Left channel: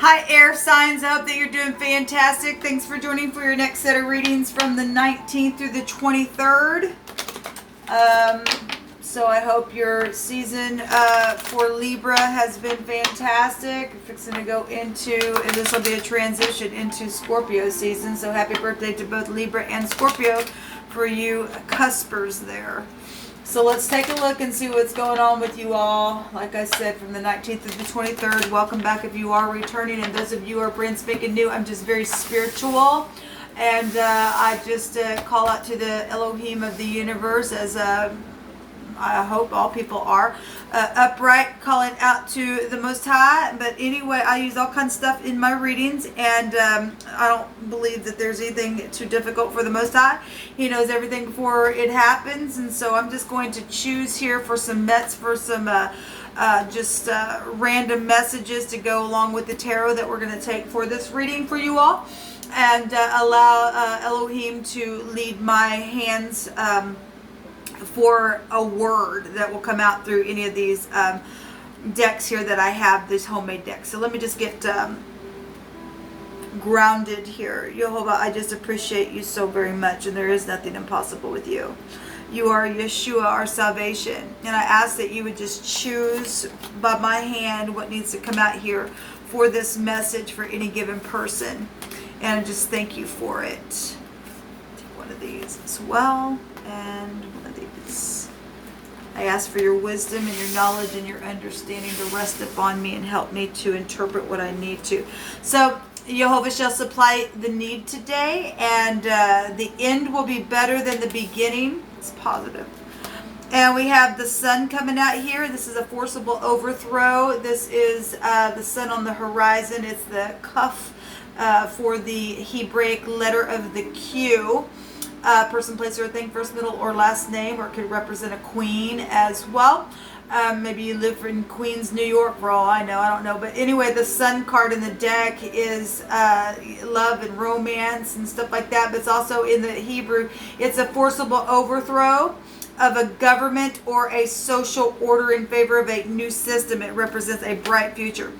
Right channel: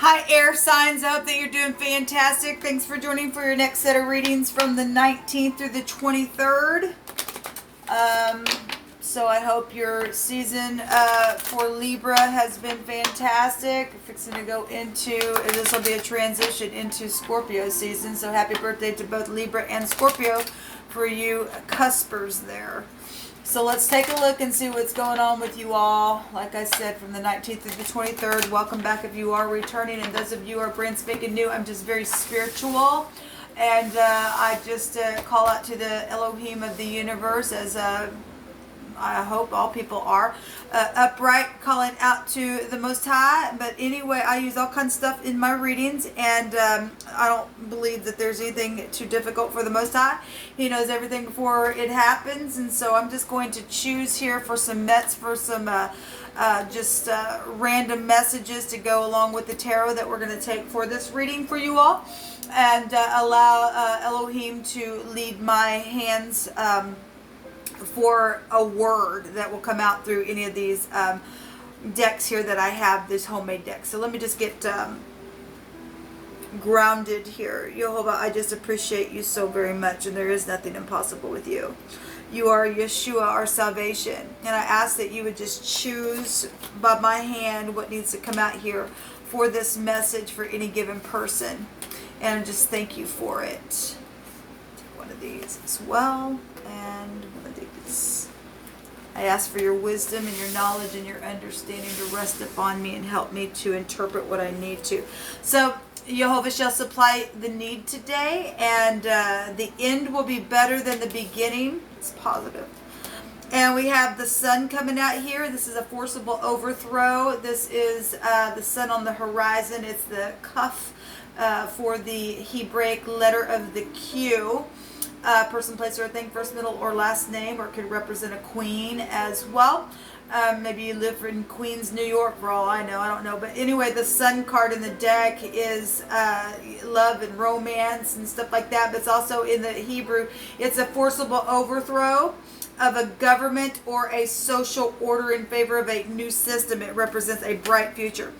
Hi, air signs. I hope that you're doing fantastic. Thanks for joining for your next set of readings from the 19th through the 23rd. So I hope your season for Libra has been fantastic. We're fixing to go into, this will be a transition into Scorpio season. So happy birthday to both Libra and Scorpio for you cuspers there. So let's take a look and see what's going on with you all. Like I said, from the 19th to the 23rd. Welcome back if you are returning. And those of you who are brand spanking new, I'm just very spiritual. And I just call out to the Elohim of the universe, as I hope all people are, upright, calling out to the Most High. But anyway, I use all kinds of stuff in my readings, and I don't believe that there's anything too difficult for the Most High. He knows everything before it happens, and so I'm just going to choose here for some random messages to go along with the tarot that we're going to take for this reading for you all, and allow Elohim to lead my hands for a word that will come out through any of these decks here that I have, this homemade deck. So let me just get grounded here. Jehovah, I just appreciate you so very much, and there is nothing impossible with you. You are Yeshua, our salvation, and I ask that you would just choose by my hand what needs to come out here for this message for any given person, and just thank you for it. Take one of these as well, and one of these. I ask for your wisdom and your knowledge and your understanding to rest upon me and help me to interpret what I need to. So Jehovah shall supply the need today, and the end will be better than the beginning. It's positive. And we have the sun coming out here. This is a forcible overthrow. This is the sun on the horizon. It's the kaf for the Hebraic letter of the Q. Person, place, or a thing, first, middle, or last name, or it could represent a queen as well. Maybe you live in Queens, New York, for all I know. I don't know. But anyway, the sun card in the deck is love and romance and stuff like that. But it's also in the Hebrew, it's a forcible overthrow of a government or a social order in favor of a new system. It represents a bright future.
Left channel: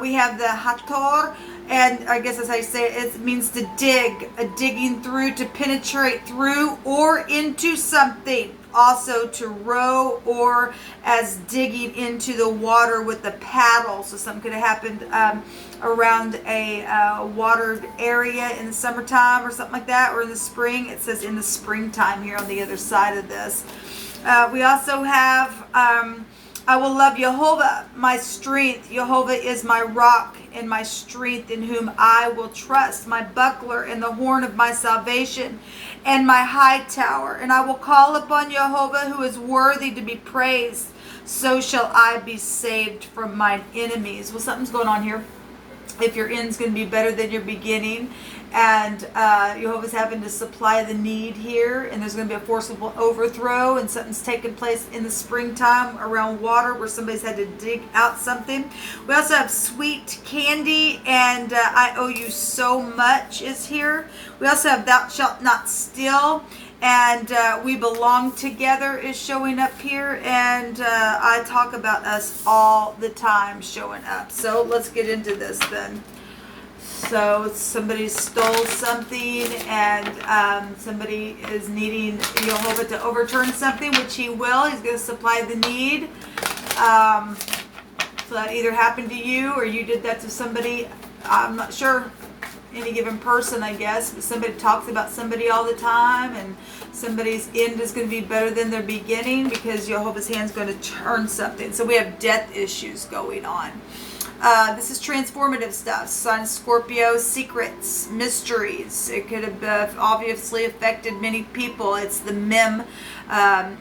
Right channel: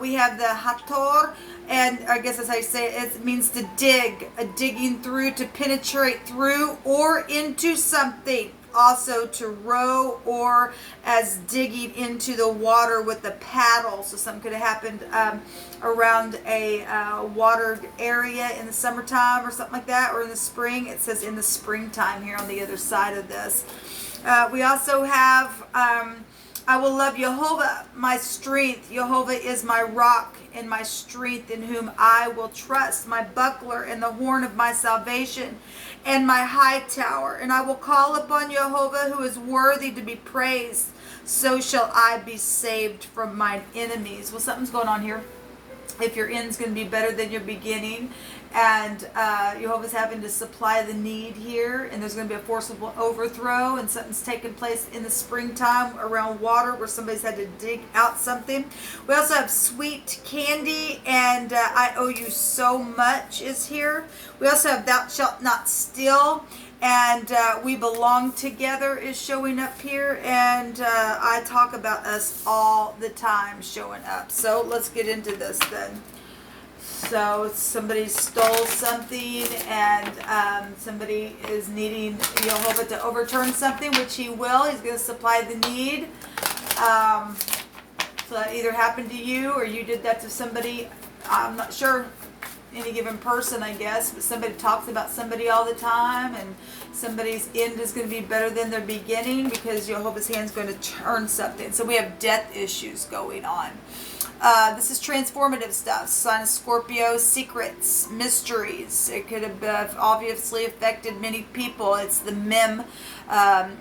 We have the Hator, and I guess that's how you say it. It means to dig, a digging through, to penetrate through or into something. Also to row, or as digging into the water with the paddle. So something could have happened around a watered area in the summertime or something like that, or in the spring. It says in the springtime here on the other side of this. We also have I will love Jehovah, my strength. Jehovah is my rock and my strength, in whom I will trust, my buckler and the horn of my salvation, and my high tower. And I will call upon Jehovah, who is worthy to be praised. So shall I be saved from mine enemies. Well, something's going on here. If your end's going to be better than your beginning, and Jehovah's having to supply the need here, and there's going to be a forcible overthrow, and something's taking place in the springtime around water where somebody's had to dig out something. We also have sweet candy, and I owe you so much is here. We also have thou shalt not steal, and we belong together is showing up here, and I talk about us all the time showing up. So let's get into this then. So somebody stole something, and somebody is needing Jehovah to overturn something, which he will. He's going to supply the need. So that either happened to you or you did that to somebody. I'm not sure. Any given person, I guess, but somebody talks about somebody all the time, and somebody's end is going to be better than their beginning because Jehovah's hand is going to turn something. So we have death issues going on. This is transformative stuff. Sun, Scorpio, secrets, mysteries. It could have obviously affected many people. It's the Mem,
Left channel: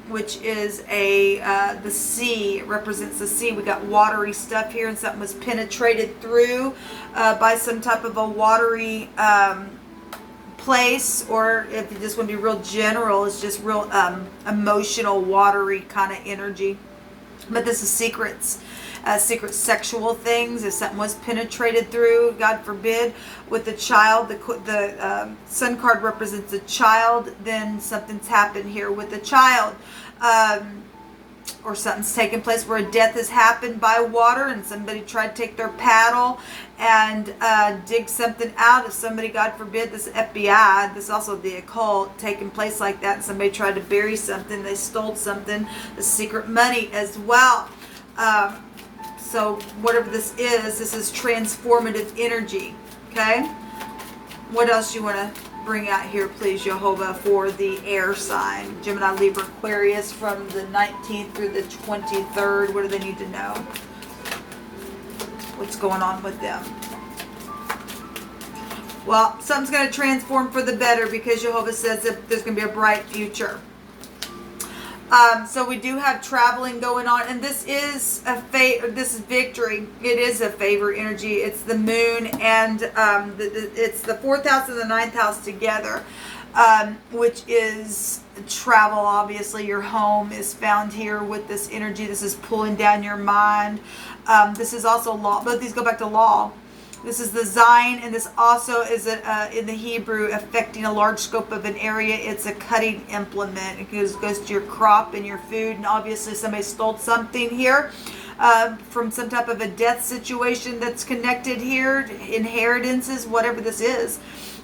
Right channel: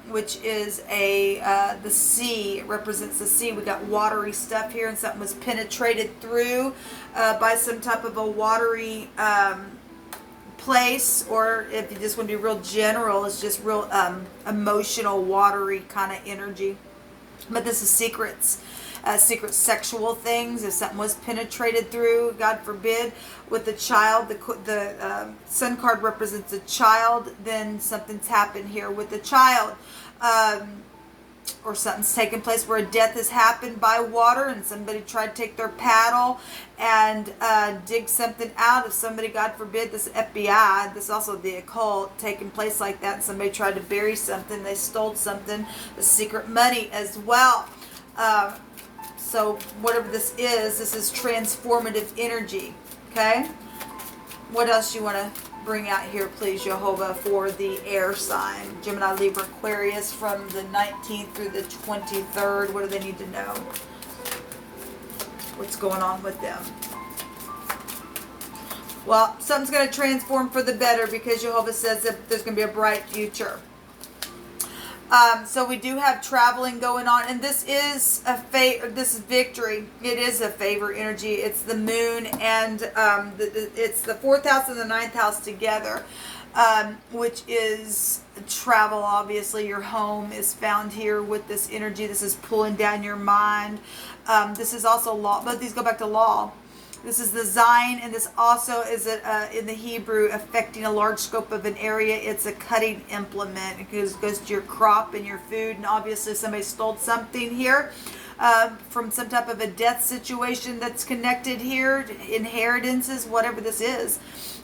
which is the sea. It represents the sea. We got watery stuff here, and something was penetrated through by some type of a watery place, or if you just want to be real general, it's just real emotional, watery kind of energy. But this is secrets. Secret sexual things. If something was penetrated through, God forbid, with the child, the sun card represents a child, then something's happened here with the child. or something's taken place where a death has happened by water and somebody tried to take their paddle and dig something out. If somebody, God forbid, this FBI, this is also the occult, taking place like that, and somebody tried to bury something, they stole something, the secret money as well. So whatever this is transformative energy, okay? What else you want to bring out here, please, Jehovah, for the air sign? Gemini, Libra, Aquarius from the 19th through the 23rd. What do they need to know? What's going on with them? Well, something's going to transform for the better because Jehovah says that there's going to be a bright future. So we do have traveling going on, and this is this is victory. It is a favor energy. It's the moon and it's the 4th house and the 9th house together, which is travel. Obviously, your home is found here with this energy. This is pulling down your mind. This is also law. Both these go back to law. This is the Zion, and this also is in the Hebrew affecting a large scope of an area. It's a cutting implement. It goes to your crop and your food, and obviously somebody stole something here from some type of a death situation that's connected here, inheritances, whatever this is.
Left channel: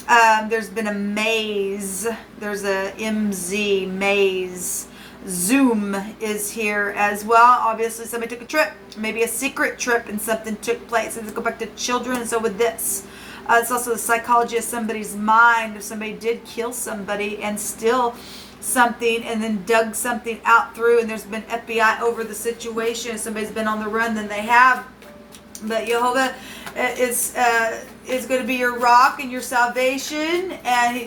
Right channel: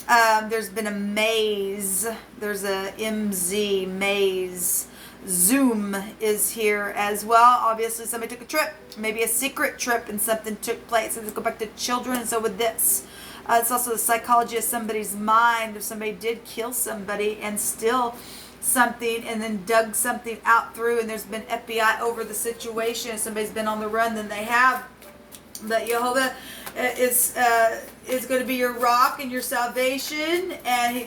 There's been a maze. There's a MZ, maze. Zoom is here as well. Obviously somebody took a trip, maybe a secret trip, and something took place. And let's go back to children. And so with this, it's also the psychology of somebody's mind. If somebody did kill somebody and steal something and then dug something out through, and there's been FBI over the situation, if somebody's been on the run, then they have. But Jehovah is going to be your rock and your salvation, and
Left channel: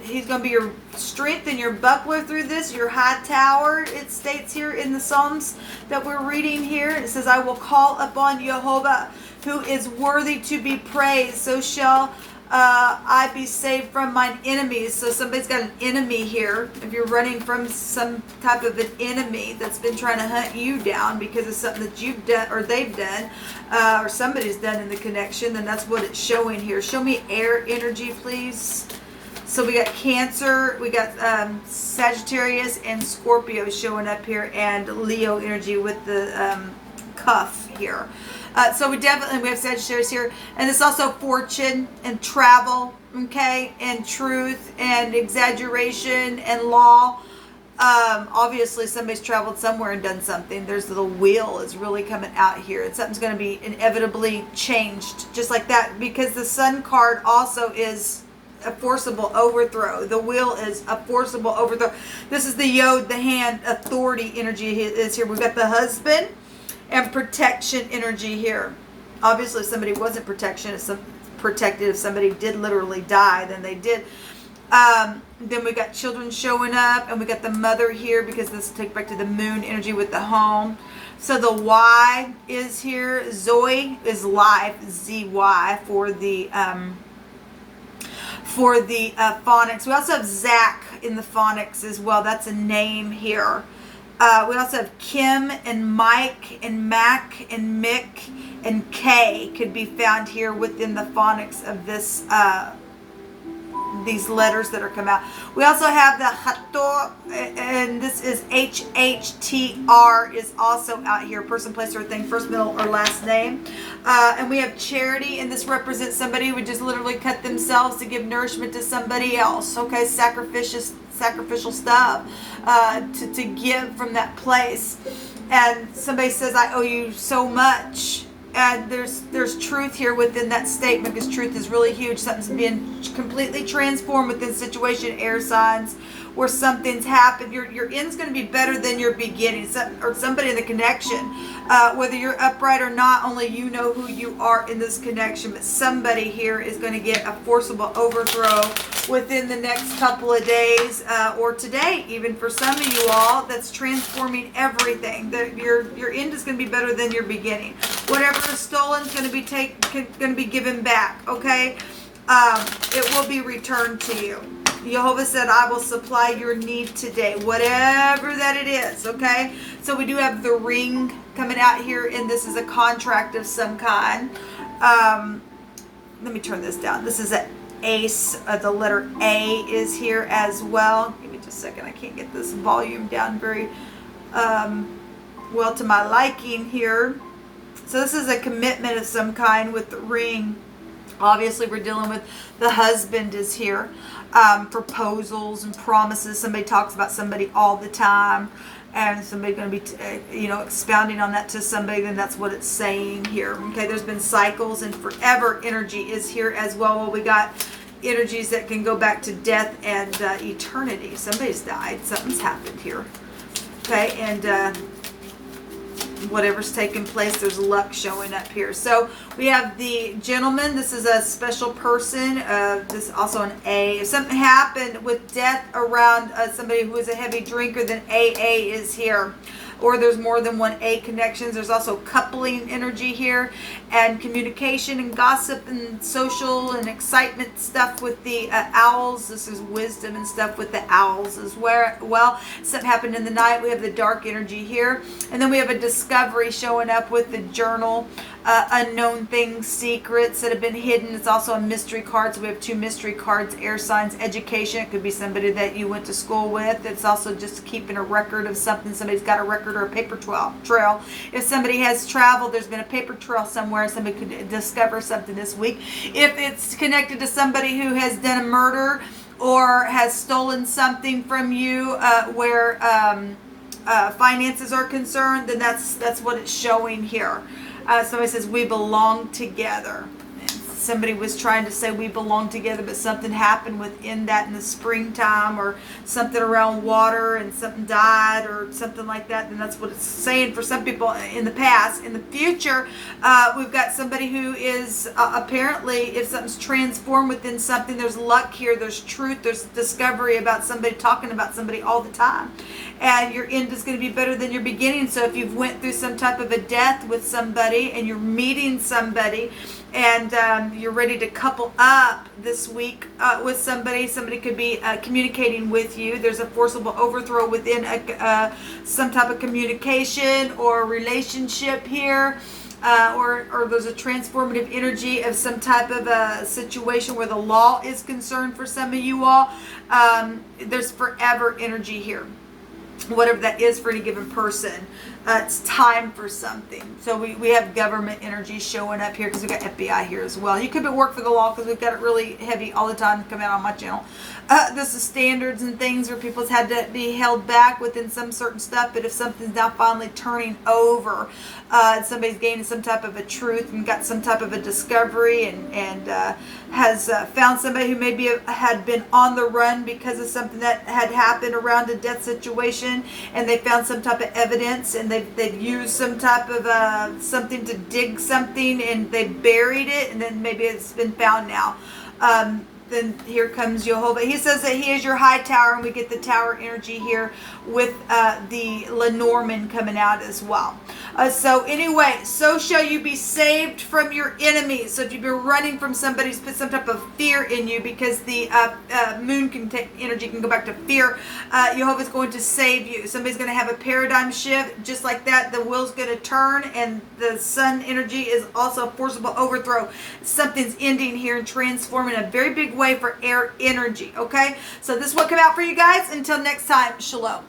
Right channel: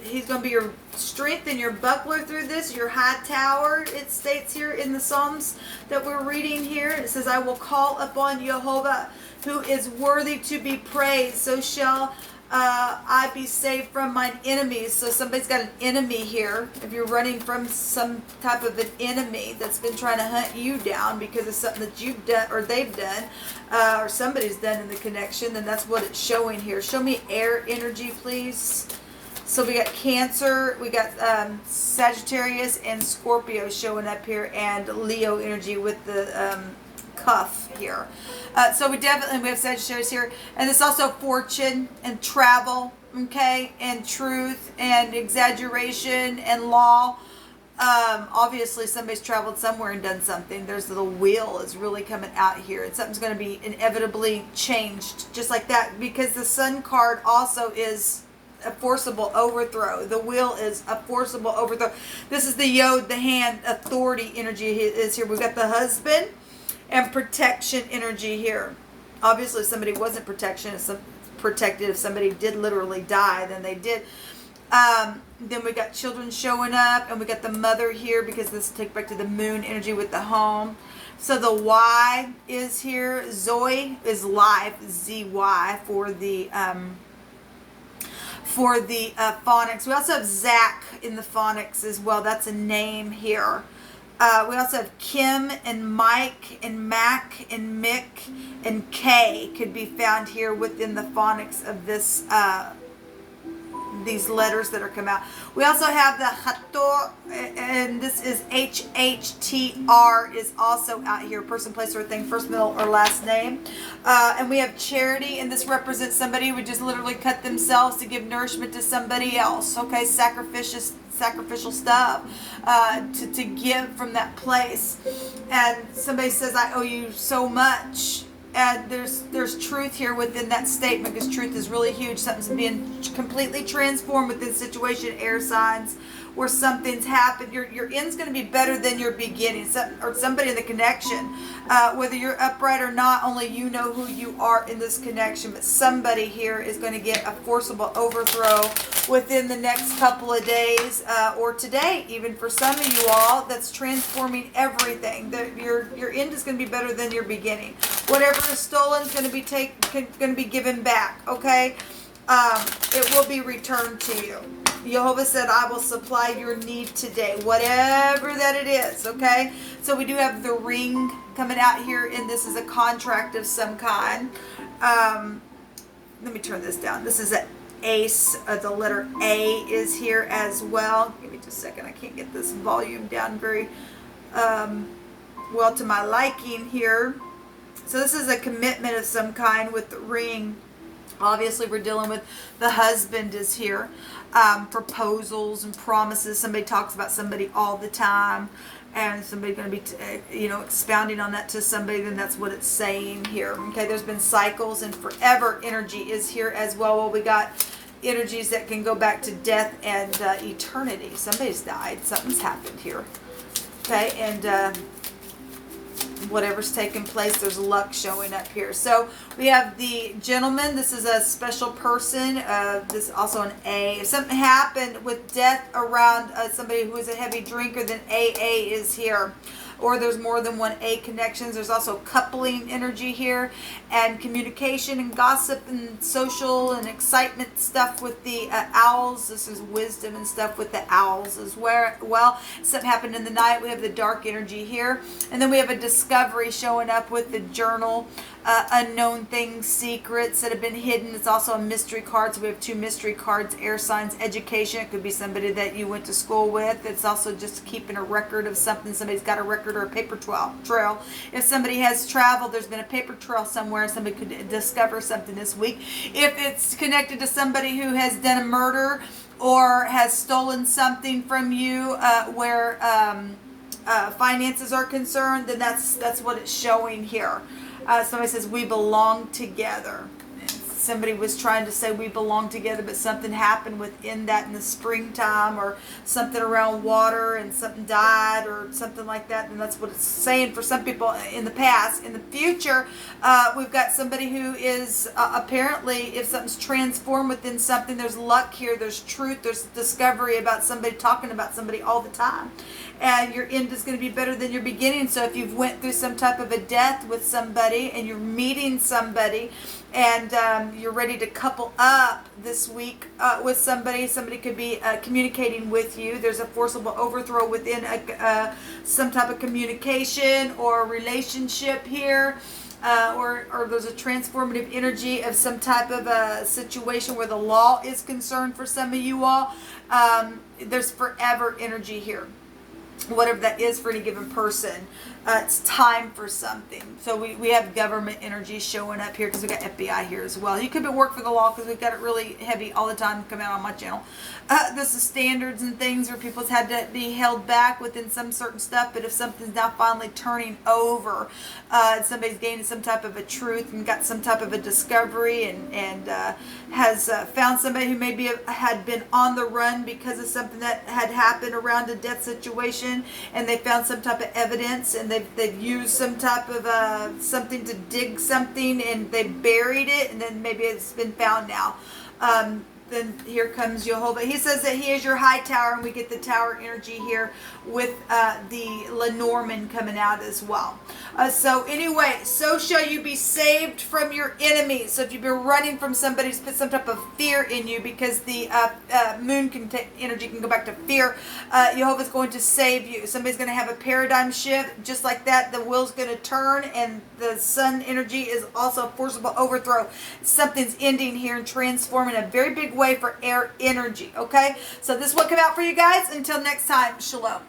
he's going to be your strength and your buckler through this, your high tower. It states here in the Psalms that we're reading here. It says, I will call upon Jehovah, who is worthy to be praised. So shall I be saved from mine enemies. So somebody's got an enemy here. If you're running from some type of an enemy that's been trying to hunt you down because of something that you've done or they've done, or somebody's done in the connection, then that's what it's showing here. Show me air energy, please. So we got Cancer, we got Sagittarius and Scorpio showing up here, and Leo energy with the cuff here. So we have Sagittarius here, and it's also fortune and travel, okay, and truth and exaggeration and law. Obviously somebody's traveled somewhere and done something. There's the wheel is really coming out here, and something's going to be inevitably changed just like that, because the Sun card also is a forcible overthrow. The wheel is a forcible overthrow. This is the Yod, the hand, authority energy is here. We've got the husband and protection energy here. Obviously, if somebody wasn't protected, if somebody did literally die, then they did. Then we got children showing up, and we got the mother here because this will take back to the moon energy with the home. So the Y is here. Zoe is life, ZY for the phonics. We also have Zach in the phonics as well. That's a name here. We also have Kim and Mike and Mac and Mick and K could be found here within the phonics of this these letters that are come out. We also have the Hator, and this is HHTR is also out here. Person, place, or thing, first, middle, or last name. And we have Charity, and this represents somebody who would just literally cut themselves to give nourishment to somebody else. Okay, sacrificial stuff to give from that place. And somebody says, I owe you so much. And there's truth here within that statement, because truth is really huge. Something's being completely transformed within the situation, air signs, where something's happened. Your end's going to be better than your beginning, or somebody in the connection. Whether you're upright or not, only you know who you are in this connection. But somebody here is going to get a forcible overthrow within the next couple of days, or today, even for some of you all, that's transforming everything. Your end is going to be better than your beginning. Whatever is stolen is going to be given back. Okay, it will be returned to you. Jehovah said, I will supply your need today, whatever that it is, okay? So we do have the ring coming out here, and this is a contract of some kind. Let me turn this down. This is an ace. The letter A is here as well. Give me just a second. I can't get this volume down very well to my liking here. So this is a commitment of some kind with the ring. Obviously, we're dealing with the husband is here. Proposals and promises. Somebody talks about somebody all the time. And somebody going to be, expounding on that to somebody, then that's what it's saying here. Okay, there's been cycles, and forever energy is here as well. Well, we got energies that can go back to death and eternity. Somebody's died. Something's happened here. Okay, and whatever's taking place, there's luck showing up here. So we have the gentleman. This is a special person. This is also an A. If something happened with death around somebody who is a heavy drinker, then AA is here. Or there's more than one A connections. There's also coupling energy here, and communication and gossip and social and excitement stuff with the owls. This is wisdom and stuff with the owls as well. Something happened in the night. We have the dark energy here, and then we have a discovery showing up with the journal. Unknown things, secrets that have been hidden. It's also a mystery card. So we have 2 mystery cards, air signs, education. It could be somebody that you went to school with. It's also just keeping a record of something. Somebody's got a record or a paper trail. If somebody has traveled, there's been a paper trail somewhere. Somebody could discover something this week. If it's connected to somebody who has done a murder or has stolen something from you where finances are concerned, then that's what it's showing here. Somebody says, we belong together. And somebody was trying to say we belong together, but something happened within that in the springtime, or something around water and something died or something like that. And that's what it's saying for some people in the past. In the future, we've got somebody who is apparently, if something's transformed within something, there's luck here, there's truth, there's discovery about somebody, talking about somebody all the time. And your end is going to be better than your beginning. So if you've went through some type of a death with somebody and you're meeting somebody and you're ready to couple up this week with somebody could be communicating with you. There's a forcible overthrow within some type of communication or relationship here. Or there's a transformative energy of some type of a situation where the law is concerned for some of you all. There's forever energy here. Whatever that is for any given person, it's time for something. So we have government energy showing up here because we got FBI here as well. You could be work for the law because we've got it really heavy all the time come out on my channel. This is standards and things where people's had to be held back within some certain stuff. But if something's now finally turning over, somebody's gaining some type of a truth and got some type of a discovery and has found somebody who maybe had been on the run because of something that had happened around a death situation, and they found some type of evidence, and they've used some type of something to dig something, and they buried it, and then maybe it's been found now. Then here comes Jehovah. He says that he is your high tower, and we get the tower energy here with the Lenormand coming out as well. So anyway, so shall you be saved from your enemies. So if you've been running from somebody who's put some type of fear in you, because the moon energy can go back to fear, Jehovah's going to save you. Somebody's going to have a paradigm shift. Just like that, the wheel's going to turn, and the sun energy is also a forcible overthrow. Something's ending here and transforming a very big way for air energy. Okay, so this is what came out for you guys. Until next time, shalom.